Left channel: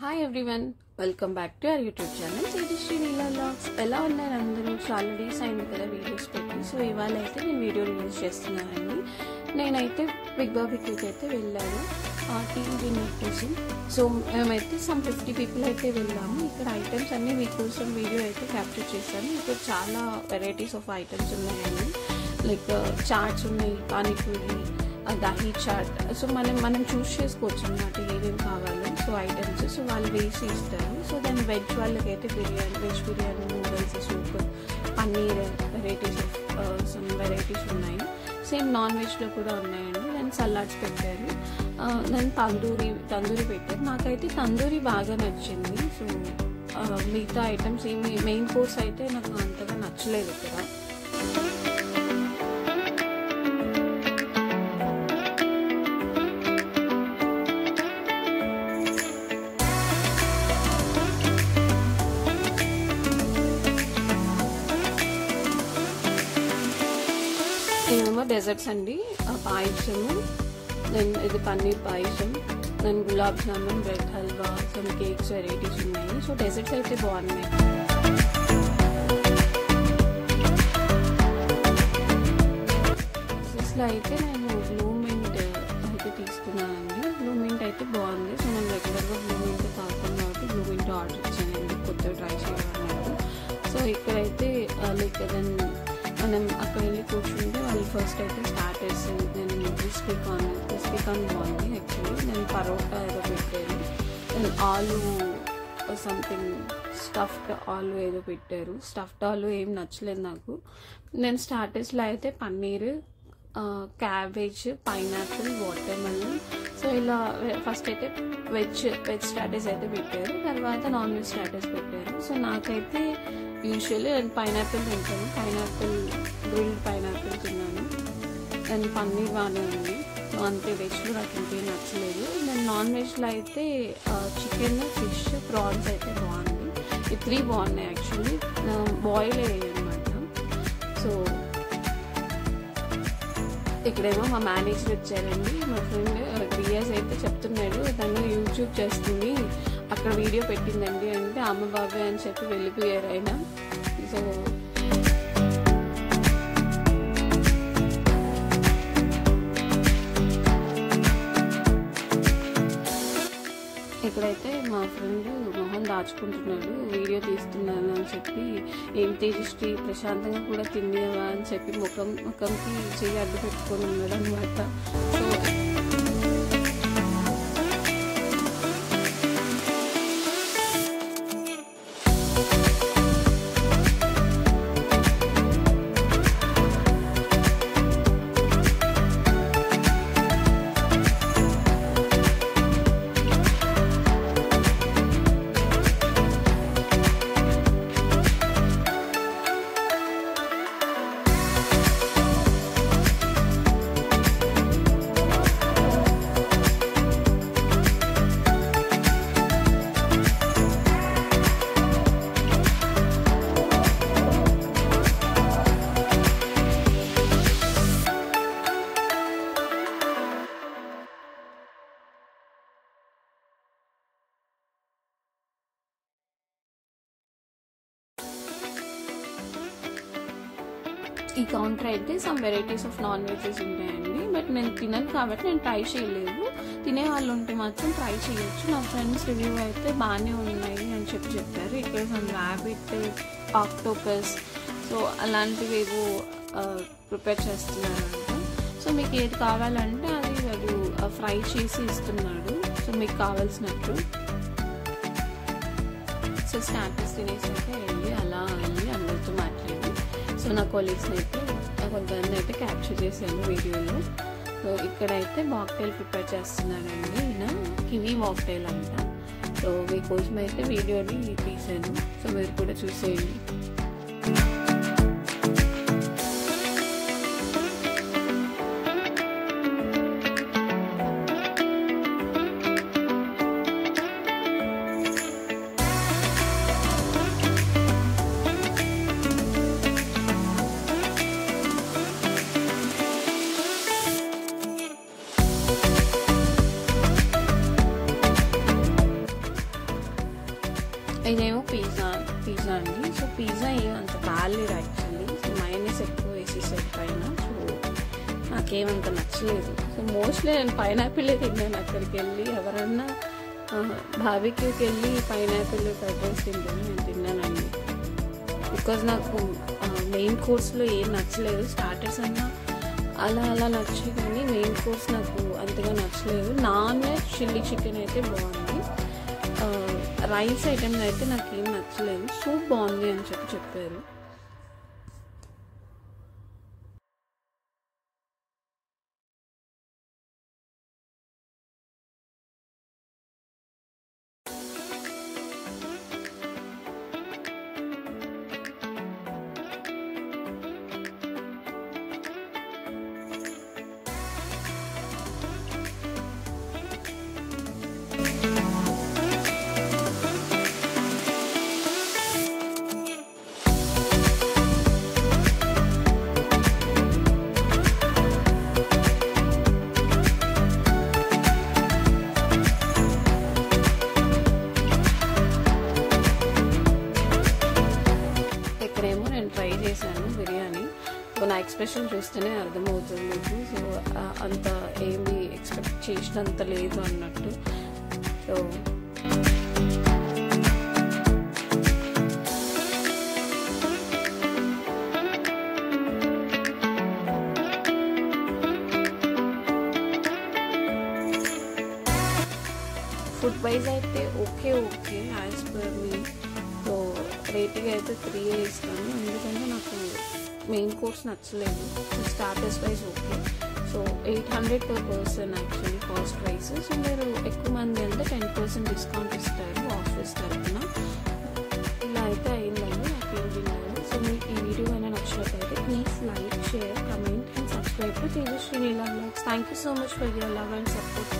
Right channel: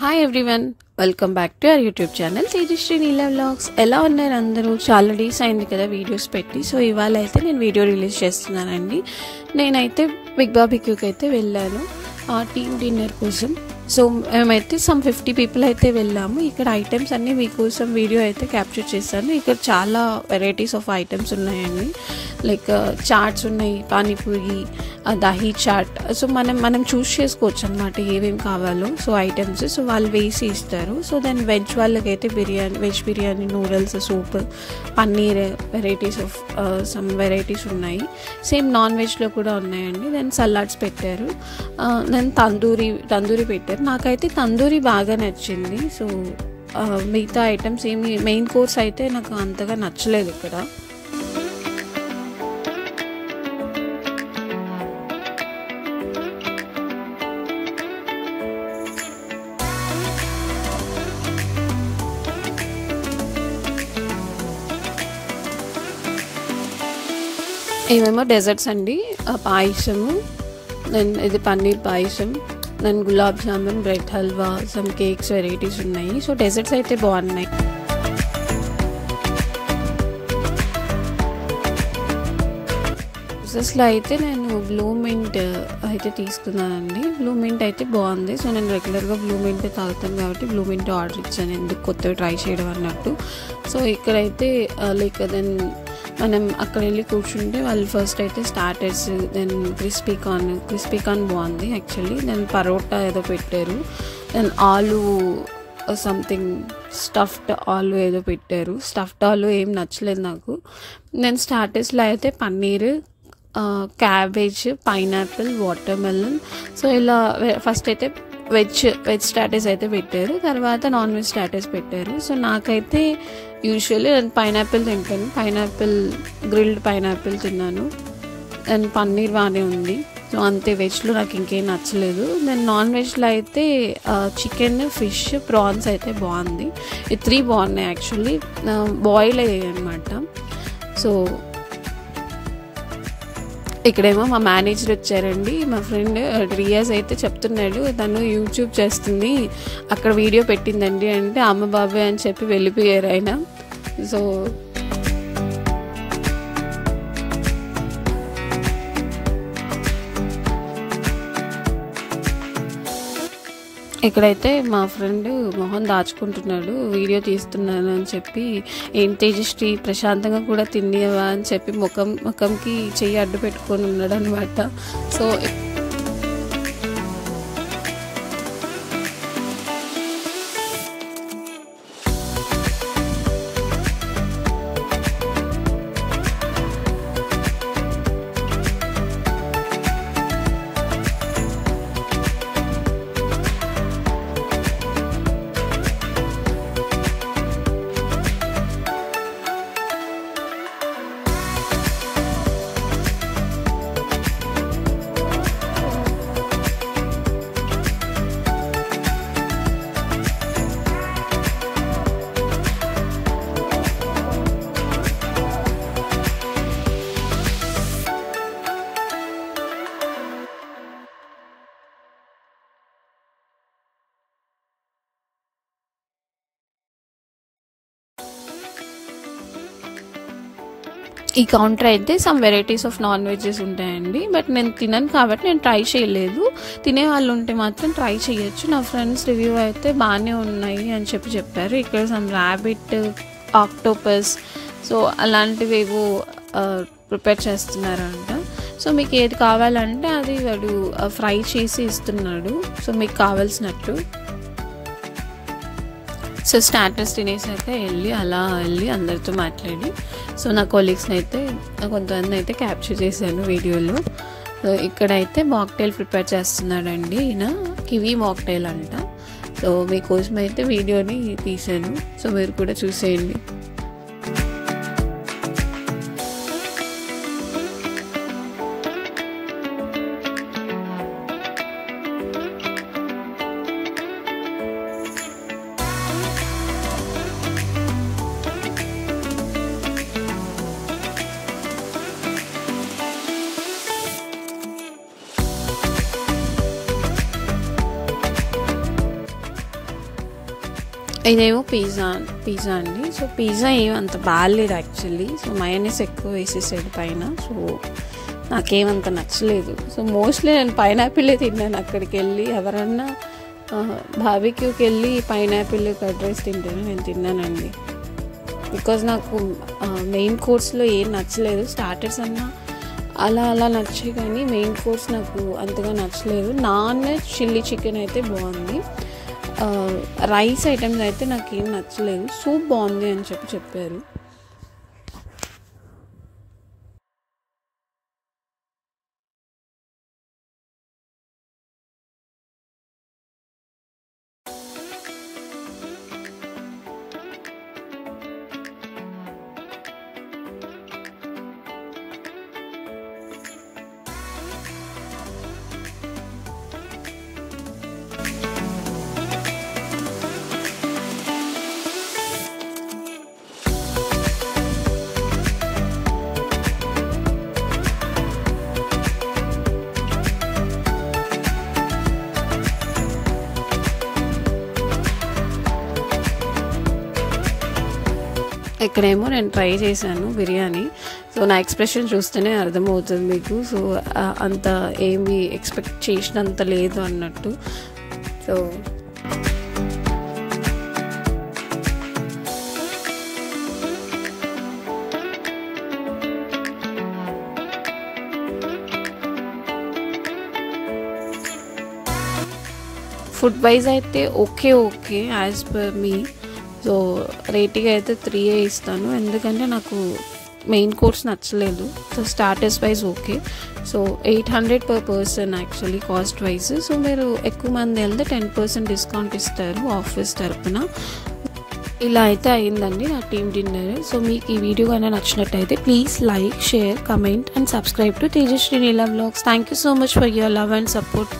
Hi everyone, welcome back to our YouTube channel Tejasri Neela vlogs. ఎలా ఉన్నారు అందరూ? చాలా డేస్ అయింది కదా వీడియోస్ పెట్టి. సో ఇవాళ అయితే నేను వీడియో రిలీజ్ చేస్తున్నానండి. నేనైతే బిగ్ బార్బిక్యూకి అయితే వెళ్ళాను టీమ్ డిన్నర్ కోసం. సో మేమైతే సమ్ 50 పీపుల్ అయితే వెళ్ళాము. ఇక్కడ ఐటమ్స్ అన్నీ మీకోసం వీడియో అయితే క్యాప్చర్ చేశాను. ఇక్కడ చాలా వెరైటీస్ ఆఫ్ ఐటమ్స్ ఉన్నాయండి. లైక్ చాట్స్ ఉన్నాయి, పానీపూరి, దహీ చాట్. సో మనం చూస్ చేసుకోవచ్చు అన్నమాట ఏమేమి కావాలో. సో ఐటమ్స్ సో వాళ్ళు వేసి ఇస్తారు. సో దెన్ వెజ్ వాళ్ళకైతే veg biryani, noodles, soup, paneer, varieties of some varieties ఉన్నాయి. సేమ్ నాన్ వెజ్లో కూడా ఉన్నాయండి. దెన్ సలాడ్స్ పెట్టారు. దెన్ తందూరి పెట్టారు. నాకైతే తందూరి బాగా నచ్చింది. సో మిగతా ఐటమ్స్ ఏమి మెయిన్ కోర్స్ అయితే నాకు అంతగా నచ్చలేదు ఇక్కడ. ఏమేమో డెజర్ట్స్ అండి, పాయసము, దెన్ ఇది పన్నీర్ పాయసం, then gulab jamun, bread halwa, some cakes varieties ఉన్నాయి. సో డెజర్ట్స్ అయితే బాగున్నాయి. డ్రెస్సెస్లో అయితే నేను బ్లూ మింట్ అయితే తీసుకున్నానండి. బ్లూ మింట్ అయితే బాగుంది. సో నేను రెగ్యులర్గా బ్లూ మింట్ తాగుతాను కాబట్టి బ్లూ మింట్ ఆర్డర్ ఇచ్చాను, ఎందుకు కొత్తగా ట్రై చేయడం అన్నట్టు. సో ఇక్కడైతే లైక్ దెన్ మనం అక్కడ వెళ్ళి కూర్చుంటే వాళ్ళు ఫస్ట్ అయితే స్టార్టర్స్, దెన్ క్రిస్పీ కార్న్ బాగుంది యాక్చువల్లీ. దెన్ పరోటా ఏదో పెట్టారు. దెన్ ఆలు సంథింగ్ స్టఫ్డ్ ఆలు ఏదో పెట్టారు. స్టఫ్డ్ ఆలు ఏం నచ్చలేదు నాకు. దెన్ స్టార్టర్స్లో అయితే paneer, cabbage, pineapple, water melon. So ఇలా ఫస్ట్ అయితే వెజ్ స్టార్టర్స్ అయితే పెట్టారు, తర్వాత నాన్ వెజ్ స్టార్టర్స్ పెట్టారు. సో నాకైతే యూజువల్లీ నేను పైనాపిల్ తింటాను, గ్రిల్డ్ పైనాపిల్ తిన్నాను. అండ్ పన్నీర్ బాగానే ఉంది. సో అంతే, వెజ్లో నాకు ఇంకేం నచ్చలేదు. దెన్ నాన్ వెజ్లో అయితే చికెన్, ఫిష్, ప్రాన్స్ అయితే బాగుంది. ఈ 3 బాగున్నాయి యాక్చువల్లీ, బాయిల్ అయ్యాయి అనమాట. సో ఇక్కడేమో మా మేనేజర్ వచ్చారండి. మా ఫ్రెండ్ రియాజ్ అయితే చెప్తున్నాడు, తను యూట్యూబ్ చేస్తుంది, అక్కడ వీడియో పెట్టిందండి అంటే అమ్మ బాబాయ్ అని చెప్పి వెళ్ళిపోయారు ఆయన. సో ఇక్కడైతే మా ఫ్రెండ్ మొహం దాచుకుంటున్నాడు, వీడియో తీస్తున్నాను అని చెప్పి. ఏం తేజశ్రీ ప్రశాంతంగా కూడా తినేవా అని చెప్పి ముఖంకి చెయ్యి అడ్డు పెట్టుకొని ఉన్నాడు అనమాట. సో ఈ కౌంటర్ అయితే some varieties of non veggies ఉంటాయండి. బట్ నేను తినను కాబట్టి నేను ట్రై చేయలేదు. తినే వాళ్ళు ఉంటే మాత్రం ట్రై చేయొచ్చు. నా ఫ్రెండ్స్ రివ్యూ అయితే బాగానే ఉన్నాయి అని చెప్పారు. ఇక్కడ సమ్ ర్యాబిట్, ఆక్టోపస్, సో అలాంటివి ఏవో ప్రిపేర్ చేస్తున్నారంట. సో మీకు ఏది కావాలంటే అది వాడు ఫ్రై చేసి ఇస్తున్నాడు, సో మీకు కావాల్సినట్టు. సో స్టార్టర్స్ తినేసి అయితే వెళ్ళి అందరితో మాట్లాడి, సో నా కొలీగ్స్ని అయితే కొంతమంది అయితే క్యాప్చర్ చేశాను వీడియోలో. సో ఇక్కడైతే మాక్టైల్ ప్రిపేర్ చేస్తున్నాడండి ఈయన, కివీ మాక్టైల్ అంట. సో మీకోసం అయితే వీడియోని తీసాను, సో మీరు కూడా చూసేయండి. ఇదేమో పిజ్జా అండి. సో పిజ్జా ఏమంత బాగాలేదు యాక్చువల్లీ. సో మయోనీస్ ఎక్కువ వేసేసాడు పైన. సో నాకేమంత నచ్చలేదు. సో మోస్ట్లీ నేను పైనాపిలే తిన్నాను అక్కడికి వెళ్ళి. ఎవరన్నా బార్బిక్యూకి వెళ్ళి పైనాపిల్ కర్డ్ రైస్ తింటాను, నేను తిన్నానండి. బికాజ్ నాకు మెయిన్ కోర్స్లో ఏం నచ్చలేదు. స్టార్టర్స్ అన్నా అలా నచ్చాయి, కానీ మెయిన్ కోర్స్ నాకు అంతగా నచ్చలేదు. నాన్ వెజ్ చిల్లీ చికెన్ అయితే బాగుంది. రైస్ ఐటమ్స్ అయితే నాకు ఏం నచ్చలేదు. సూప్ బాగుంది అని చెప్పారు. ఇక్కడేమో నేను ట్రై చేశాను బిర్యానీ. సో నా ఎక్స్ప్రెషన్ చూస్తేనే అర్థమవుతుంది మీకు. సో అంత ఏమి ఎక్స్పెక్ట్ చేసినంత లేదు అన్నట్టు. సో ఫుడ్ వైజ్ అయితే ఓకే యాజ్ పర్ మీ. సో రేటింగ్ అయితే 3 ఇస్తాను, ఎందుకంటే నాకు మెయిన్ కోర్స్ నచ్చలేదు. So starters wise okay. So 800 per person actually cost wise. So మీరు ఎక్కువ మంది వెళ్తే 10% డిస్కౌంట్ ఇస్తారు ఆఫీస్ తరఫున. ఇలా అయితే అయిందండి నా టీమ్ డిన్నర్. సో మీకు ఈ వీడియో కానీ నచ్చినట్టయితే please like, share, comment and subscribe to Tejasri Neela vlogs. Thank you so much for your love and support.